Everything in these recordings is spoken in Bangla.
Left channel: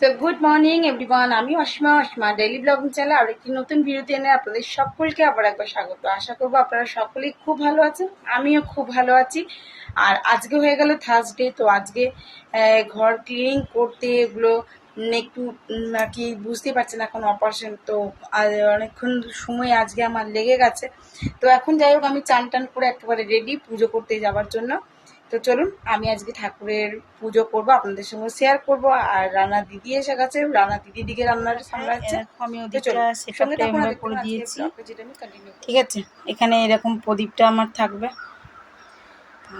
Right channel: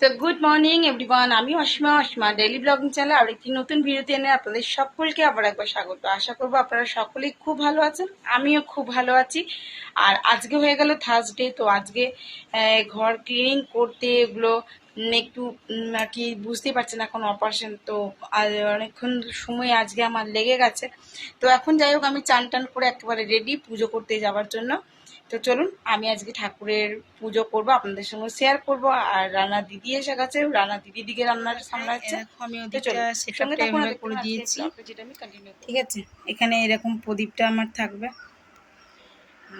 সো গুড মর্নিং এভরিওয়ান, আমি অসীমা ডেইলি ব্লগিং চ্যানেলে আরেকটি নতুন ভিডিওতে এনে আপনাদের সকলকে আবার একবার স্বাগত। আশা করবো আপনারা সকলেই খুব ভালো আছেন, আমিও খুব ভালো আছি। আর আজকে হয়ে গেল থার্সডে, তো আজকে ঘর ক্লিনিং করতে এগুলো একটু আর কি বুঝতেই পারছেন, এখন অপারেশন তো অনেকক্ষণ সময় আজকে আমার লেগে গেছে। তো এখন যাই হোক, আমি চান টান করে একেবারে রেডি পুজো করতে যাওয়ার জন্য। তো চলুন, আমি আজকে ঠাকুরের পুজো করব, আপনাদের সঙ্গে শেয়ার করব। আর রান্না দিদি এসে গেছে, রান্না দিদি দিকে রান্নাটা সামলাচ্ছে। আমি ওদিকটা সেটআপটা এভাবে করে দিয়েছি, ঠিক আছে। এখানে এরকম প্রদীপটা আমার থাকবে,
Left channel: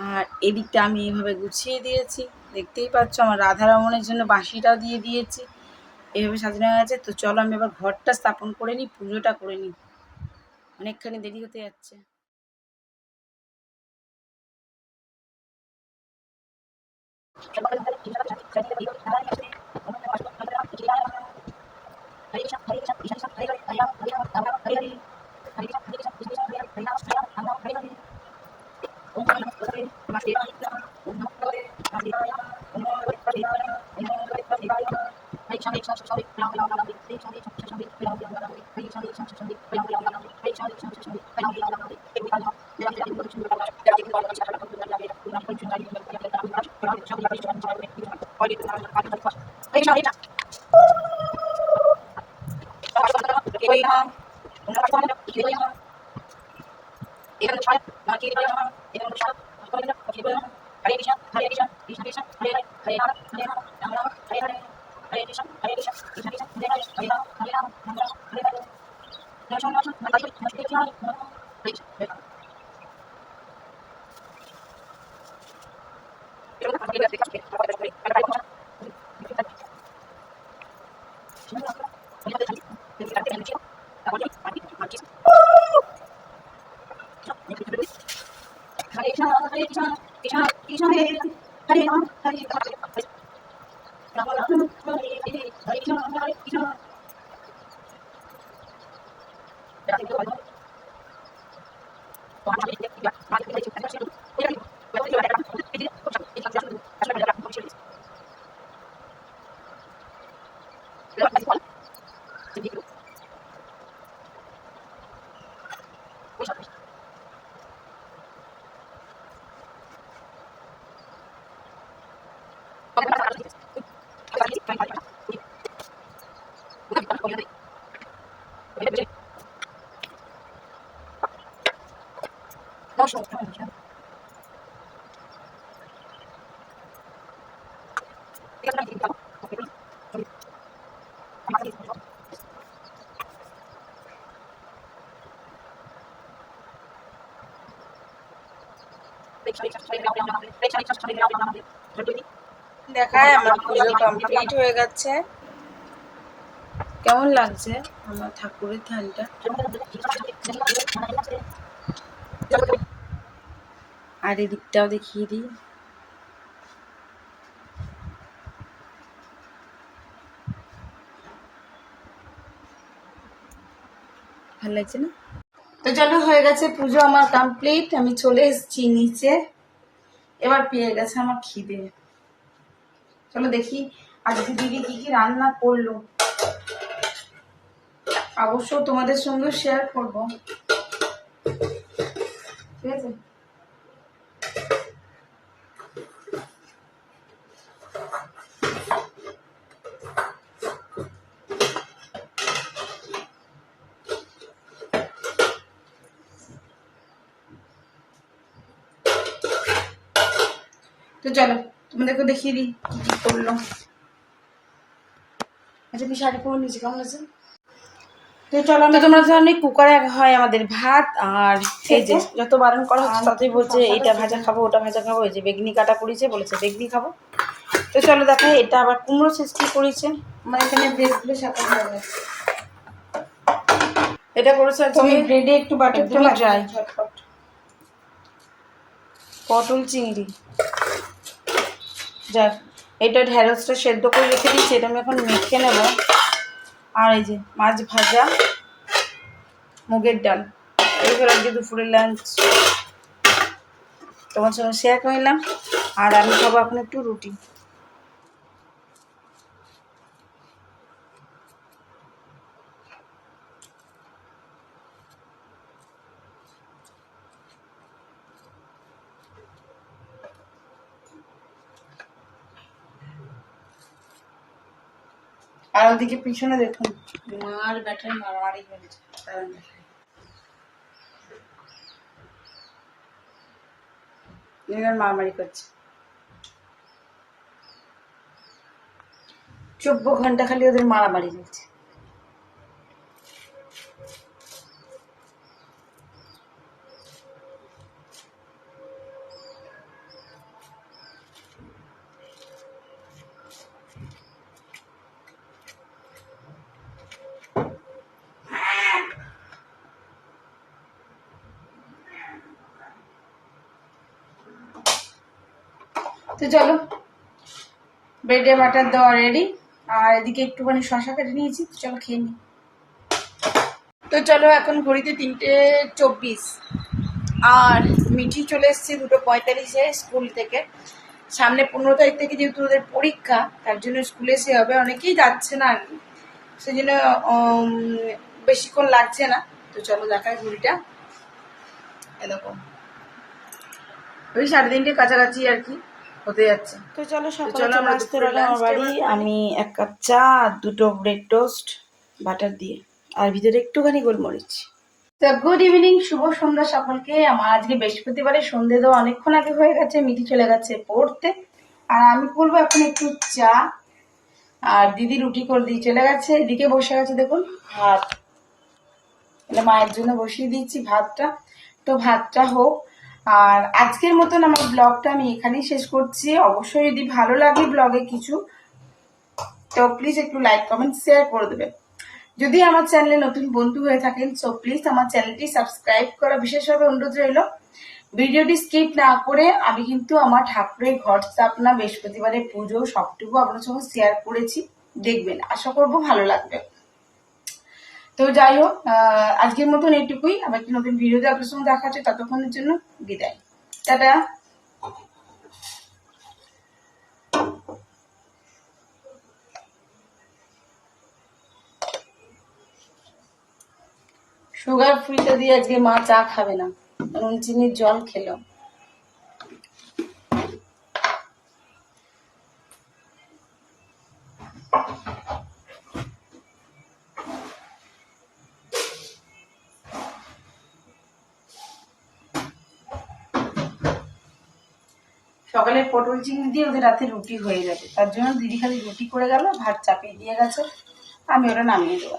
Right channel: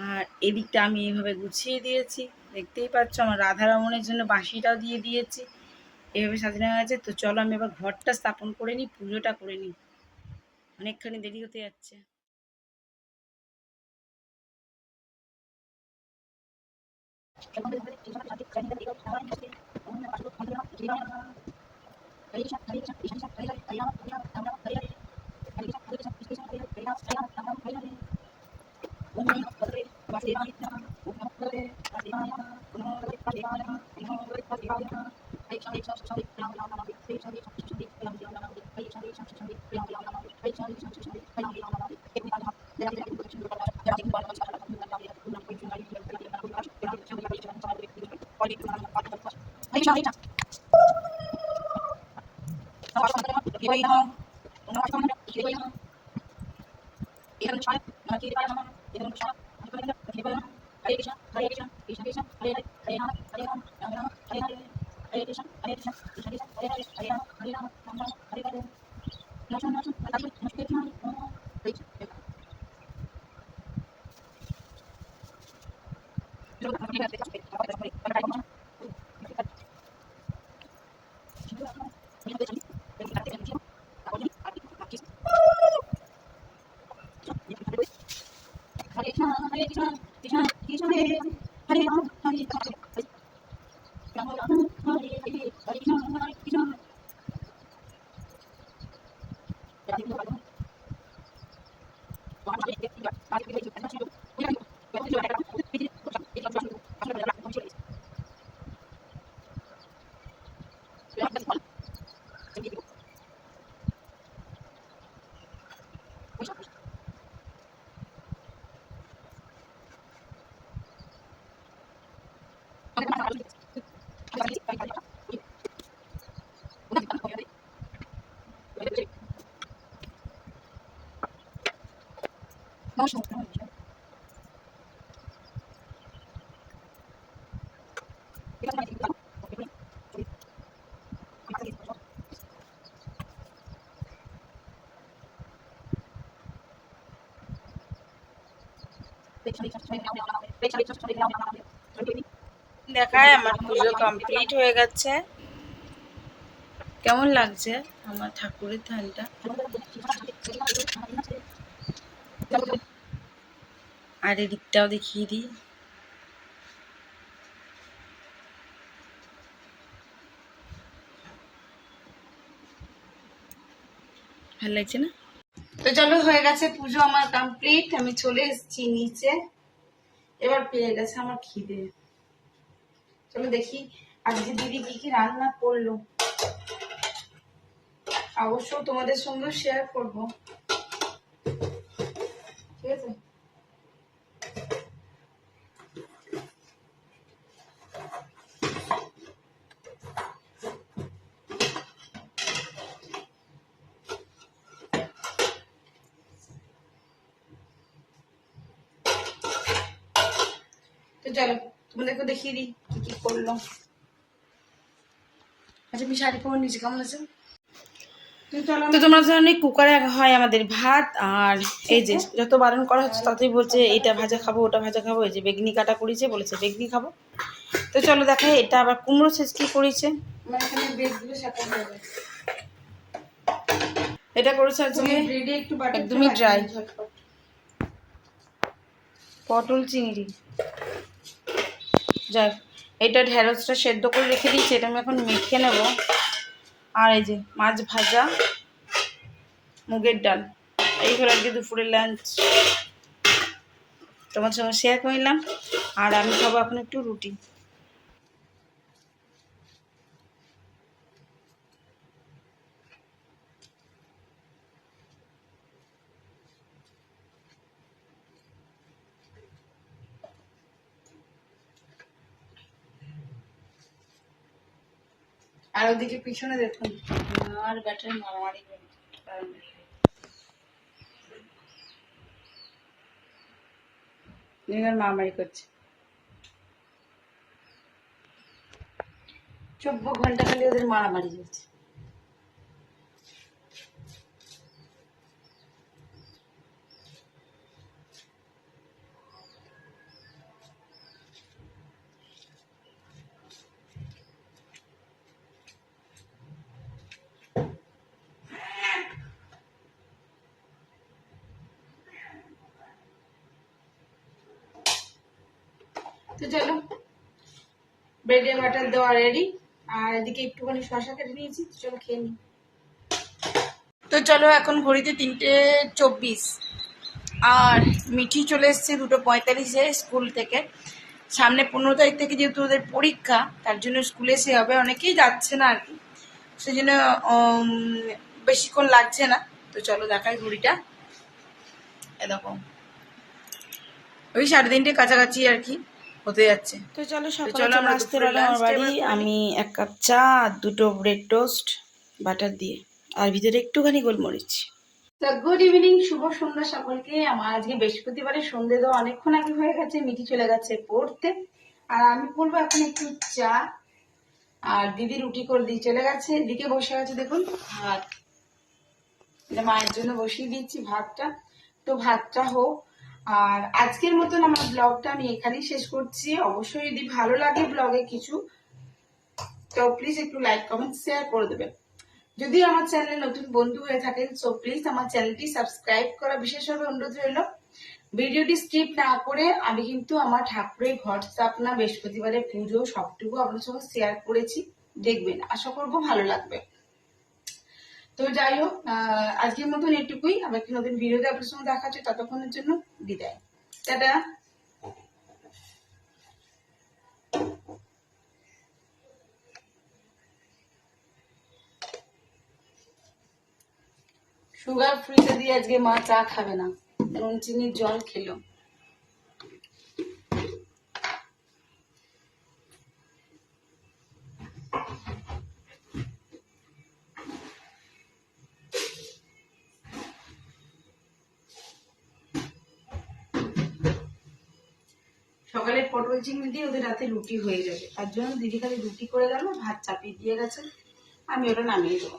আর এদিকটা আমি এইভাবে গুছিয়ে দিয়েছি, দেখতেই পাচ্ছ। আমার রাধারমণের জন্য বাঁশিটাও দিয়ে দিয়েছি, এইভাবে সাজানো হয়ে গেছে। তো চলো আমি এবার ঘরটা স্থাপন করে নিই, পুজোটা করে নিই, অনেকখানি দেরি হতে যাচ্ছে। দেখায় আমার পুজো কমপ্লিট হয়ে গেছে। কেমন লাগছে আমার ঠাকুরের ধানটা? আর এদিকটাও দেখিয়ে দিই। ভালো লাগছে না? তো চলো, হয়ে গেছে পুজো আমার কমপ্লিট, আমি চলে এসেছি নিচে। এবার পেয়ে গেছে আমার খিদে। চলো দেখি আজকে দিদি কি কি রান্না করলো, অবশ্য তোমাদের সঙ্গে শেয়ার করব, ঠিক আছে। তো চলো তোমাদেরকে দেখিয়ে দিই কি কি করলো। আচ্ছা, আমি শাড়ি পরে নিয়েছি, কেমন আছে? তো চলো, তো তোমরা জানো কুকারে হয় আমাদের ভাত, আর এই যে যত বারণ করা হচ্ছে ততই বলছে এটা ভাজা খাবো ওটা ভাজা খাবো। এই যে বেগনি কাটা করেছে, বলেছে বেগনি খাবো। তো চলো দেখাই, এটা আবার কুমড়ো সেচ কি করেছে। আমার এখানে ব্রেডগুলো শাকা হয়ে গেছে, এটা করেছে আজকে ব্রেডে একটু বাটার একদমই ড্রাই। পটল চিংড়ি, যাক এটা ঢ্যাঁড়সটা সেদ্ধ করে রেখে দিয়েছি, এটা আমি এখন মেখে নেব। আর এই যে মাছ ভাজা, মুগের ডাল, এইগুলো আজকে দুপুরের লাঞ্চ তোমার সঙ্গে শেয়ার করলাম। আর আমি খাবো এখন একটু রুটি। আর ওদিকে পিছনে দেখুন মার ব্যাটারি মারামারি করেছে। মারামারি করছে 24 ঘন্টা খালি ওদের মারামারি চলছে। তো চলো ব্রেডে বাটার দেওয়া রেডি, আর এদিকে একটুখানি শশা কেটে নিয়েছি, তো চলো খেয়ে নিই। তো চলো এখন ঘড়িতে 3:24 আর মিঠি চলে এসছে 2:45-এ স্কুল থেকে। সামনে 15 তারিখ থেকে যেহেতু ওদের পরীক্ষা, তার জন্য স্কুলে সে হবে, অনেকেই যাচ্ছে না আর কি, সেই জন্য বেশিক্ষণ লাগছে না। তো চলো দেখাই ঘড়িটা, এরকম ওই 3:30 কাছাকাছি আর কি হতে যাচ্ছে। তো চলো সকালে চলে আসতে পারলাম আমার বাড়ি। আমি 1 কাপ চা আর 2টো ব্রেড টোস্ট বাটার দিয়ে, আর ভিতরে একটুখানি গোলমরিচ। তো গুড ইভিনিং, শুভ সন্ধ্যা সকলকে। আমার আজকে বৃহস্পতিবারে সন্ধ্যে দেওয়া অনেকক্ষণ আগে হয়ে গেছে, মিঠি চলে গেছে পড়তে, আর আমি করবো এখন একটু চা। আর দিদি রুটি করে দিয়ে চলে গেছে। এদিকে বসে গেছে দেখুন ভাত, এটা মায়ের জন্য বসিয়ে দিচ্ছি ভাতটা। তো ভাতটা হোক, আর আজকের মতন আমার ব্লগটা আমি এখানেই শেষ করছি। অবশ্যই যদি ভালো লাগে ব্লগে কিছু, তো প্লিজ একটু লাইক কমেন্ট শেয়ার করে দেবেন। যদি আমার চ্যানেলে নতুন বন্ধু হয়ে থাকেন, সো প্লিজ আমার চ্যানেলটি সাবস্ক্রাইব করা বিশেষভাবে অনুরোধ রইল। ভিডিওটি স্কিপ না করে আমি কিন্তু আমার ঠাকুরের ঘট স্থাপনা, বৃহস্পতিবারের পুজো সবটুকু আপনার সঙ্গে শেয়ার করেছি, দেখবেন, আশা করব ভালো লাগবে। তো যাই হোক, আজকের মতন এইটুকুই। আবার একটি নতুন ভিডিওতে আপনার সঙ্গে দেখা হচ্ছে, ততক্ষণের জন্য বিদায়, টাটা। সুগার ফ্রিতে দিয়ে আজকে মা চা খাবে না, নুন চিনির জল খেলো। সকালে পটল চিংড়ি দিয়ে ওদের রাতে রুটি হয়ে যাবে, তার জন্য দিদি খালি রুটি করে গেল, ভাত চাপিয়ে দিয়ে গেছে, আমি ওটা নামিয়ে দেবো।